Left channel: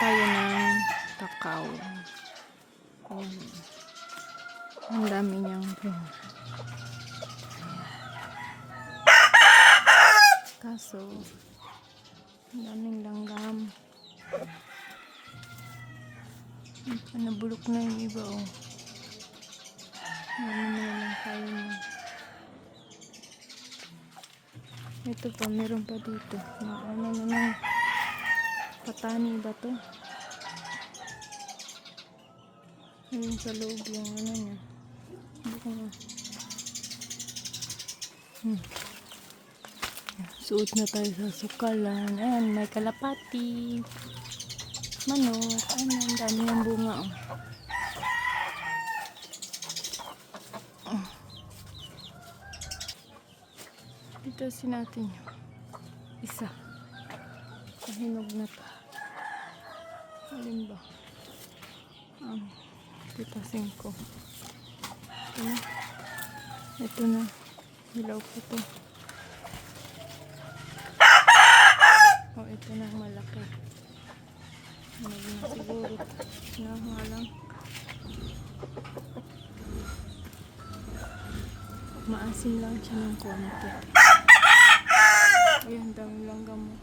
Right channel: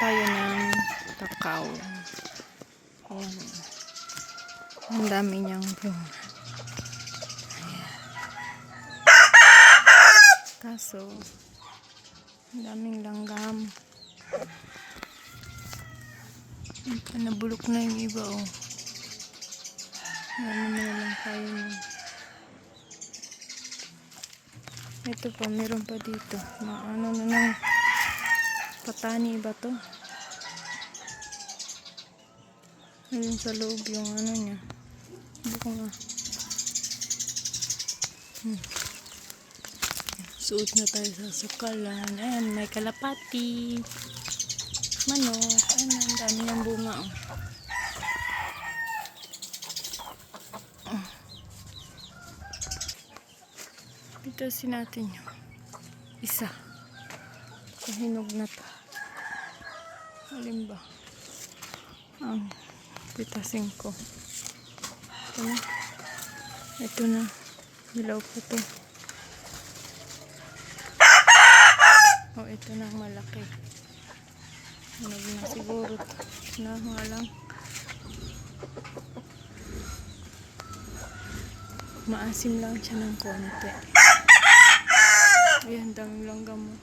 tayo ng kakao. Ayan. Ang dami niyang bunga. Ayan. Kaso, ang daming langgam. Nabulok na yung iba, oh. Ano na lang tayo niya. Ito pa, meron pa dito. Ano na lang. Patani ba to? Ayun sa loob yung ano niya. Hindi ko nga. Suot na tayo sa sukalan. Ayan, may kalapati. Manok. Ayan, ang dami ng bunga, oh. Pitasin natin yung isa. Hinog na to. Alin ba? Ang pitasin ko. Ito na. Ito na. Hilaw ko to. Oh, ito na malaki. Hinog na siguro. Na nga lang. Maasim lang siya ng konti. Ayan, daming langgam mo.